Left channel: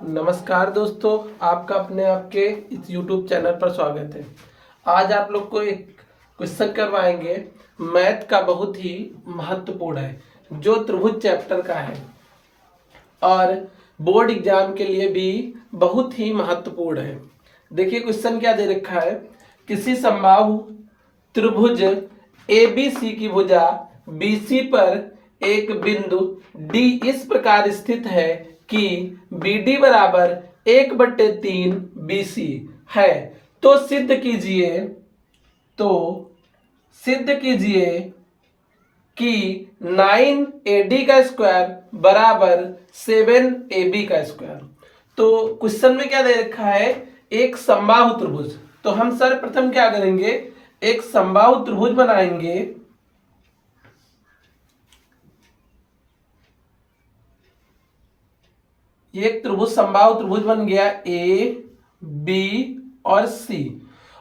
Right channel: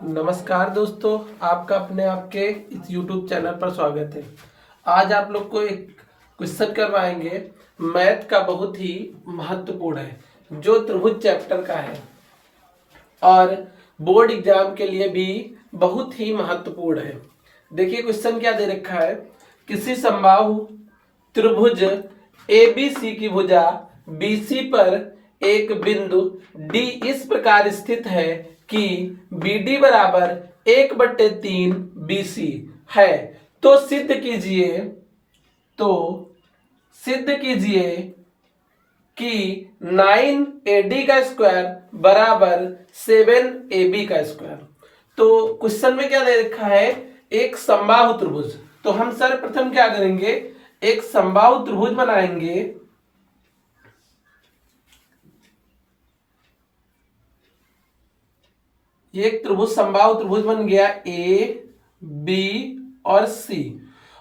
नमस्कार दोस्तों, आपका अपने आपके इस YouTube चैनल पर स्वागत है। आज आप लोग को एक क्वेश्चन करवाएंगे, मैथ का बहुत ही महत्वपूर्ण है, जो त्रिभुज चैप्टर का है और बोर्ड एग्जाम के लिए भी बहुत ही महत्वपूर्ण है। देखिए क्वेश्चन क्या दे रखा है, किसी समबाहु त्रिभुज ABC की भुजा BC पर एक बिंदु D इस प्रकार स्थित है कि BD बराबर 1/3 BC है। तो सिद्ध कीजिए कि 9AD का स्क्वायर बराबर 7AB का स्क्वायर। तो क्वेश्चन में क्या दे रखा है, एक समबाहु त्रिभुज। तो हम सर्वप्रथम क्या करेंगे, एक समबाहु त्रिभुज बनाएंगे। एक त्रिभुज समबाहु त्रिभुज बन गया AB और C,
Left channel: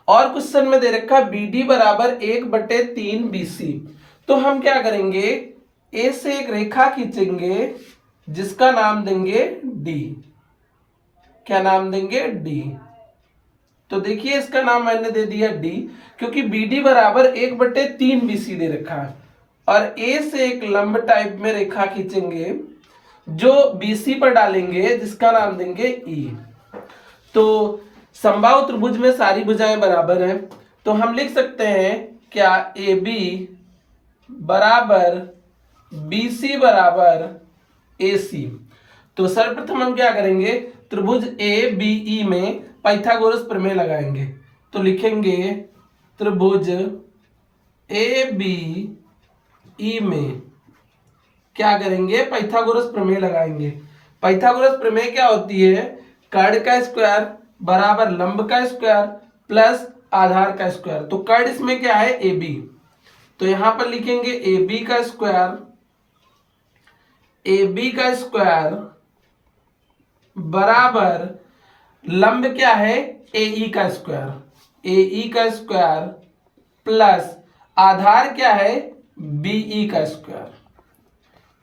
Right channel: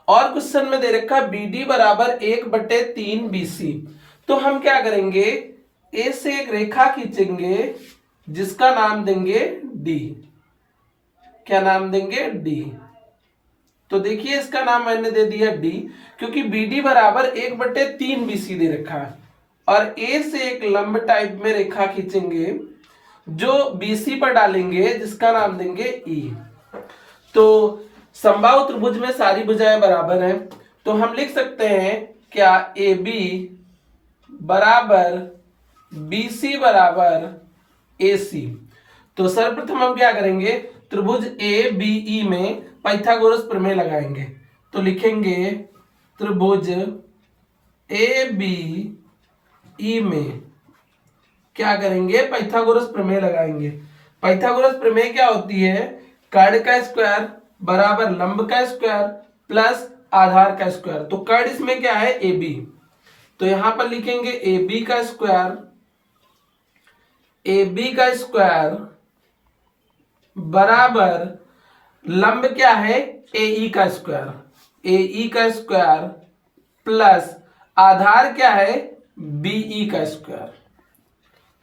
और क्वेश्चन में दे रखा BD बराबर 1/3 BC। तो हम क्या करेंगे, A से एक रेखा खींचेंगे जिसका नाम देंगे D। क्या नाम देंगे, D। तो देखिए इसका नाम मैंने दे दिया D, क्योंकि BD बराबर 1/3 BC दे रखा है। और A से एक लंब टाइप में रेखा खींचेंगे जो BC पर डालेंगे, जिसका नाम देंगे E। तो समबाहु त्रिभुज में सारी भुजाएं बराबर हैं, तो हम लिख सकते हैं क्या, AB बराबर BC बराबर AC। तो सर्वप्रथम हम क्या करेंगे, त्रिभुज ABE में पाइथागोरस प्रमेय लगाएंगे। तो लिखेंगे त्रिभुज ABE में क्या करेंगे, पाइथागोरस प्रमेय लगाएंगे। पाइथागोरस प्रमेय क्या होती है, कर्ण का स्क्वायर बराबर लंब का स्क्वायर प्लस आधार का स्क्वायर। तो कर्ण इसमें क्या है, AB। तो यहां पर लिखेंगे AB का स्क्वायर बराबर लंब क्या है, AE का स्क्वायर प्लस आधार क्या है, BE का स्क्वायर।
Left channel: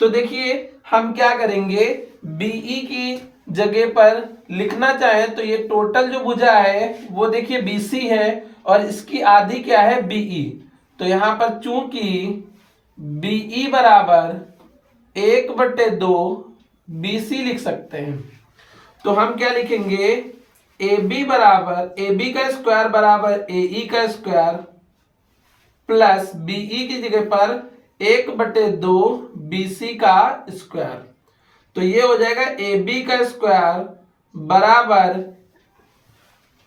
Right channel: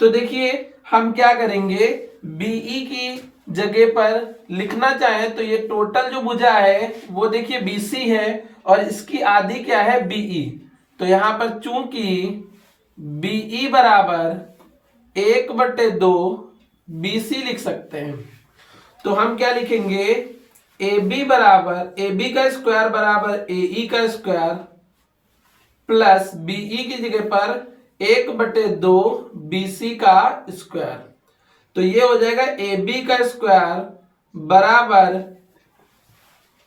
तो देखिए हम क्या करेंगे, BE की जगह पर लिखना चाहें तो ये टोटल जो भुजा है वो देखिए BC है, और इसकी आधी क्या है, BE। तो यहां पर चूंकि BE बराबर 1/2 BC लिख सकते हैं, तो हम क्या लिखेंगे, AB का स्क्वायर बराबर AE का स्क्वायर प्लस BE की जगह पर 1/2 BC का स्क्वायर। तो ये हो जाएगा AB का स्क्वायर बराबर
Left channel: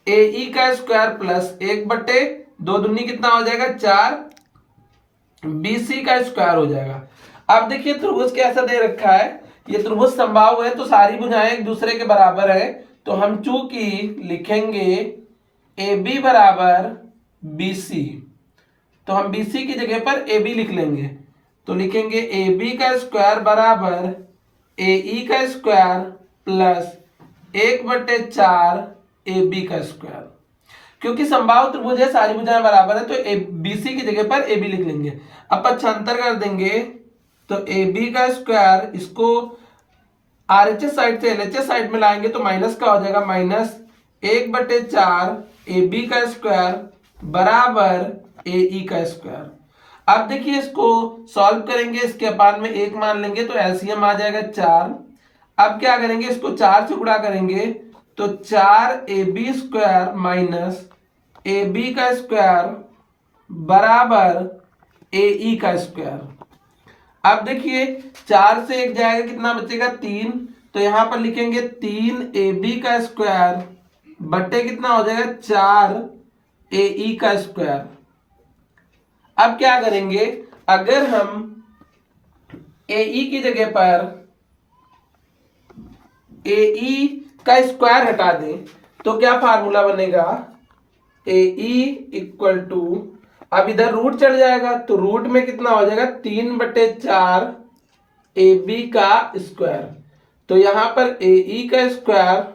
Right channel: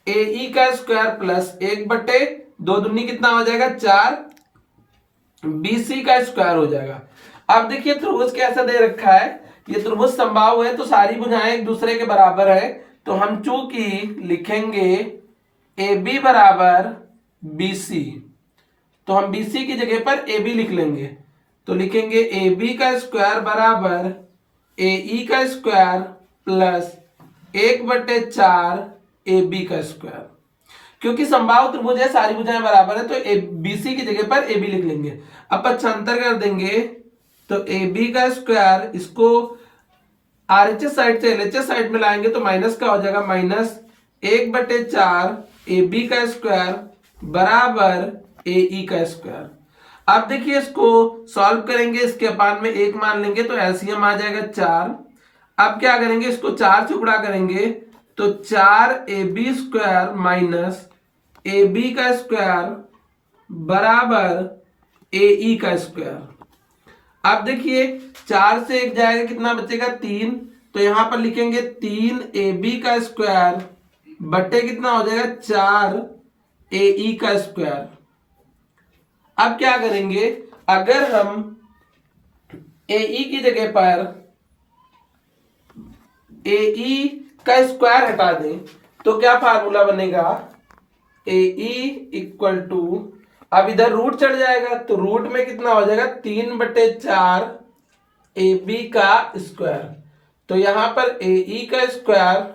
AE का स्क्वायर प्लस 1/2 दूनी कितना हो जाएगा, 4 BC का स्क्वायर हो जाएगा। अब देखिए त्रिभुज कैसा दे रखा है, ये त्रिभुज समबाहु है तो सारी भुजाएं एक दूसरे के बराबर है। तो हम चूंकि लिखेंगे AB बराबर BC, तो हम BC की जगह पर AB लिख लेंगे। तो लिखेंगे AB का स्क्वायर बराबर AE का स्क्वायर प्लस 1/4 AB का स्क्वायर। क्योंकि समबाहु त्रिभुज है, सारी भुजाएं बराबर है, तो BC की जगह पर AB लिख लेंगे। अब पक्षांतर कर देंगे, तो AB का स्क्वायर इसको RHS साइड से LHS साइड में लाएंगे तो माइनस का हो जाएगा, -1/4 AB का स्क्वायर बराबर AE का स्क्वायर। अब देखिए इसको सॉल्व करेंगे, इसके अपान में 1 मान लेंगे तो एलसीएम आ जाएगा 4। अब क्या करेंगे, इसको 4 से गुणा करेंगे तो 4AB स्क्वायर माइनस AB का स्क्वायर बराबर AE का स्क्वायर। अब देखिए 4 से 1 जाएगा, कितना बचेगा, 3। तो यहां पर लिखेंगे 3AB का स्क्वायर बट्टे कितना हो जाएगा, 4AE का स्क्वायर। अब क्या करेंगे, अगर हम AE की जगह पर AE का स्क्वायर हटा दें तो क्या फार्मूला बनेगा, AE इक्वल टू, अब इधर रूट चढ़ जाएगा तो रूट में कितना हो जाएगा, 3/4 AB का स्क्वायर। तो यहां पर AE का स्क्वायर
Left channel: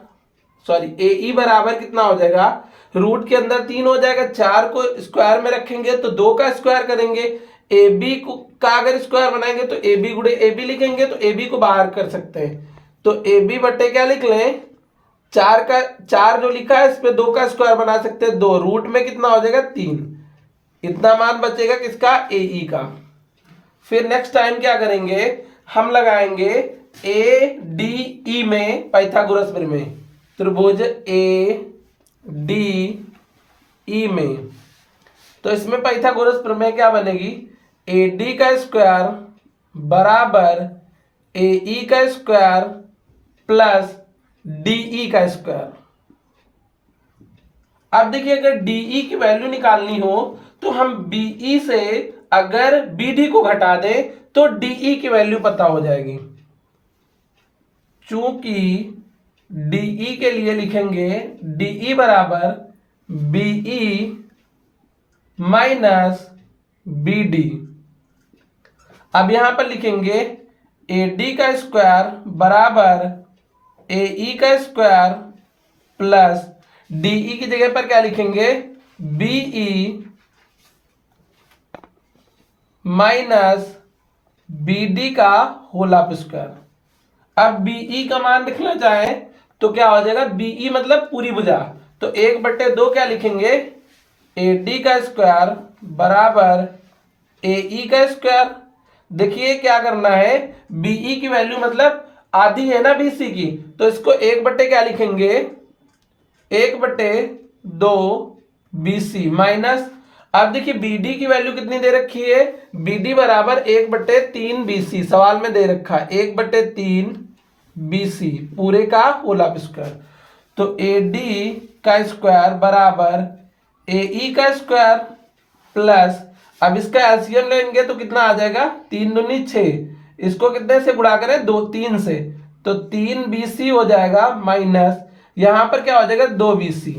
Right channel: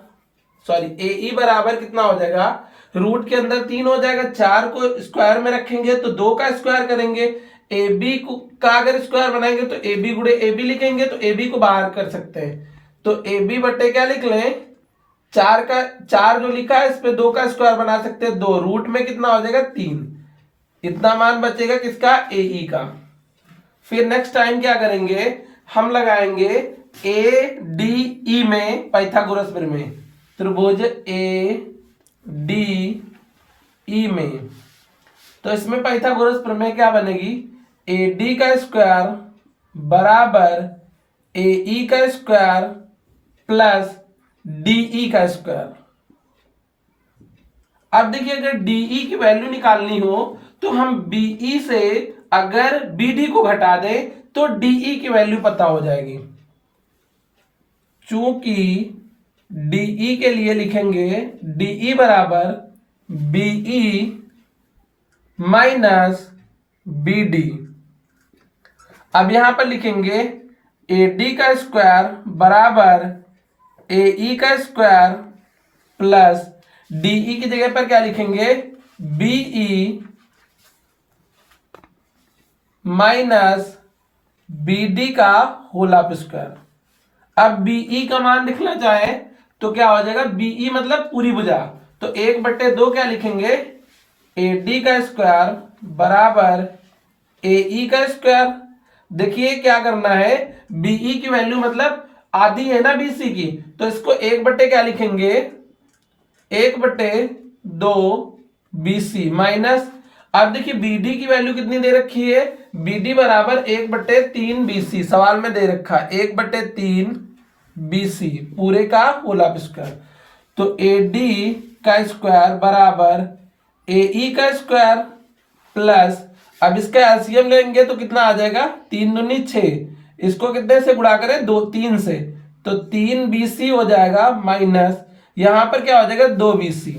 AE बराबर कितना हो जाएगा, रूट के अंदर 3 हो जाएगा, 4 को स्क्वायर में रखेंगे तो 2 का स्क्वायर करेंगे, AB का अगर स्क्वायर बनाएंगे तो AB गुणे AB लिखेंगे, तो AB को बाहर कर सकते हैं। तो AB बट्टे क्या लिख लें, चार जो लिखा है इस पे 2 का स्क्वायर बना सकते हैं 2, रूट में कितना हो जाएगा 3, इतना मान बचेगा किसका, ए ई का। फिर नेक्स्ट टाइम क्या करेंगे, हम लगाएंगे ए डी ई में पाइथागोरस प्रमेय, त्रिभुज ए डी ई में। तो इसमें पाइथागोरस प्रमेय क्या बनेगी, ए डी का स्क्वायर बराबर ए ई का स्क्वायर प्लस डी ई का स्क्वायर। अब देखिए अगर डीई की वैल्यू निकालनी हो तो हम बीई से अगर बीडी को घटा दें तो डीई की वैल्यू पता हो जाएगी। चूंकि डीई के लिए लिखेंगे डीई बराबर बीई माइनस बीडी। अब यहां पर लिखेंगे एडी का स्क्वायर बराबर एई का स्क्वायर प्लस डीई की जगह पर क्या लिखेंगे, बीई माइनस बीडी का होल ऑफ स्क्वायर। अब बीई का मान लिखना चाहे तो क्या हो जाएगा, बीई मतलब पूरी भुजा, तो 1/2 क्या लिखेंगे, एडी का स्क्वायर बराबर एई का स्क्वायर। देखिए क्या करना है, बीई की वैल्यू मतलब आधी है ना बीसी की, तो इसको 1/, क्या लिखेंगे, 1/2 बीसी माइनस। अब देखिए बीडी की वैल्यू कितनी दे रखी है, बीडी बराबर 1/3 बीसी, सवाल में दे रखा है 1/3 बीसी पूरे का होल ऑफ स्क्वायर। तो एडी का स्क्वायर बराबर एई का स्क्वायर प्लस, अब इसका एलसीएम लेंगे तो कितना आ जाएगा, 3 दूनी 6, इसको कितने से गुणा करें, 3 से, तो 3 बीसी हो जाएगा माइनस यहां पर क्या हो जाएगा 2 बीसी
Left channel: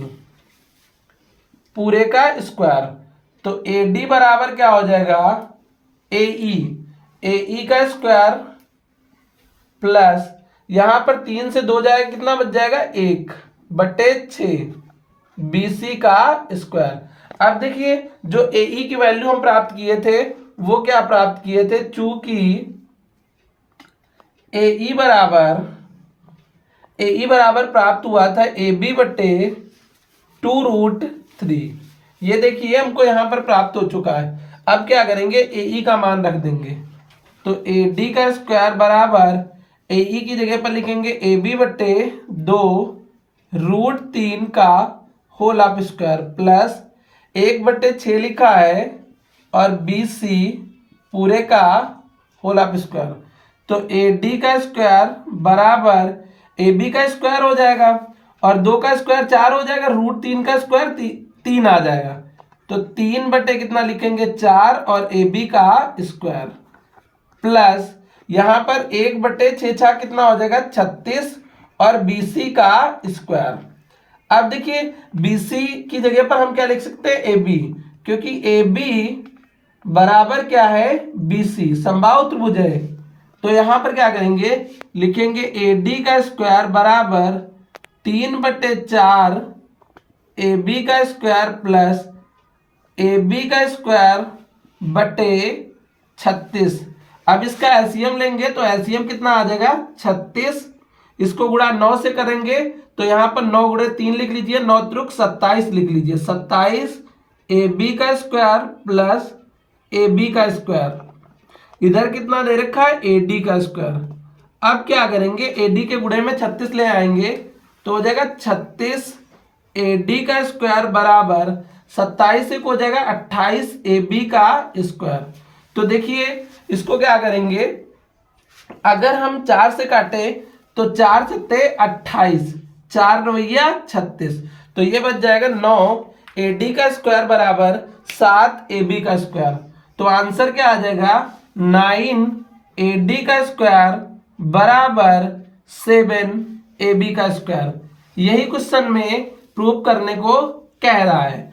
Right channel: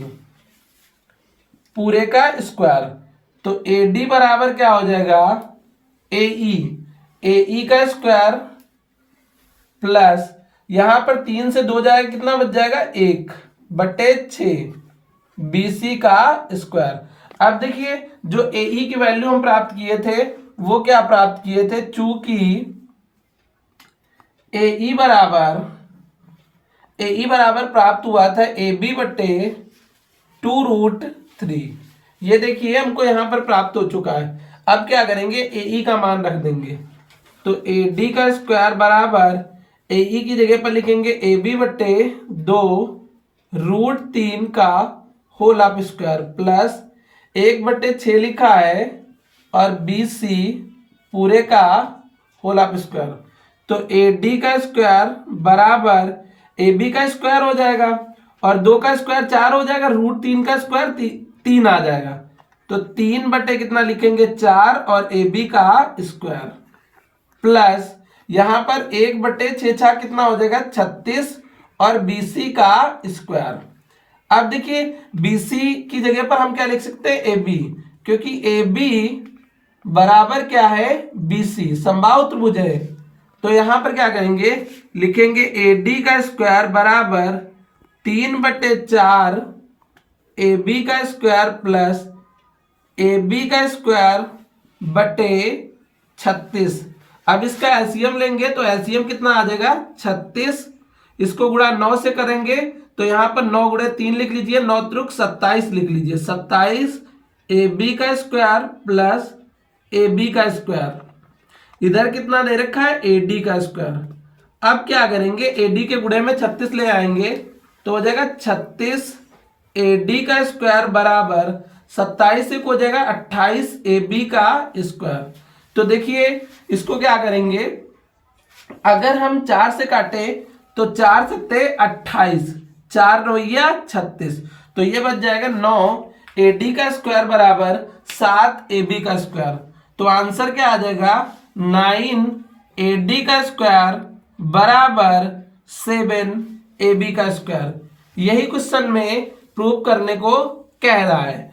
पूरे का स्क्वायर। तो एडी बराबर क्या हो जाएगा, एई का स्क्वायर प्लस यहां पर 3 से 2 जाएगा, कितना बच जाएगा 1/6 बीसी का स्क्वायर। अब देखिए जो एई की वैल्यू हम प्राप्त किए थे वो क्या प्राप्त किए थे, चूंकि एई बराबर प्राप्त हुआ था AB/2√3। ये देखिए हमको यहां पर प्राप्त हो चुका है। अब क्या करेंगे, एई का मान रख देंगे, तो एडी का स्क्वायर बराबर एई की जगह पर लिखेंगे AB/2√3 का होल ऑफ स्क्वायर प्लस 1/6 लिखा है और BC पूरे का होल ऑफ स्क्वायर। तो एडी का स्क्वायर बराबर AB का स्क्वायर हो जाएगा और 2 का स्क्वायर 4 हो जाएगा, √3 का स्क्वायर 3 आ जाएगा, तो 3/ कितना लिखेंगे 4 और AB का स्क्वायर प्लस यहां पर 1/6 कितना हो जाएगा 36 और BC का स्क्वायर। अब देखिए BC की जगह पर हम क्या लिख सकते हैं, AB, क्योंकि AB बराबर क्या है BC, समबाहु त्रिभुज है। तो यहां पर क्या करेंगे, लिखेंगे AD का स्क्वायर बराबर 3/4 AB का स्क्वायर प्लस AB का स्क्वायर बटे 36। अब इसका एलसीएम लेंगे तो एलसीएम कितना आ जाएगा 36, इसको गुणा 9 से करेंगे तो यहां पर 9 × 3 लिख लीजिए, 9 त्रिक 27 लिख लीजिए, 27 AB का स्क्वायर प्लस AB का स्क्वायर, इधर कितना दे रखा है AD का स्क्वायर। अब क्या करेंगे, AD के गुणे में 36 ले आएंगे तो हो जाएगा 36 AD का स्क्वायर बराबर 27 से हो जाएगा 28 AB का स्क्वायर। तो देखिए इसको क्या करेंगे, अगर हम 4 से काटे तो 4 सत्ते 28, 4 9 36, तो ये बच जाएगा 9 AD का स्क्वायर बराबर 7 AB का स्क्वायर। तो आंसर क्या आ जाएगा 9 AD का स्क्वायर बराबर 7 AB का स्क्वायर। यही क्वेश्चन में प्रूव करने को कह रहा है।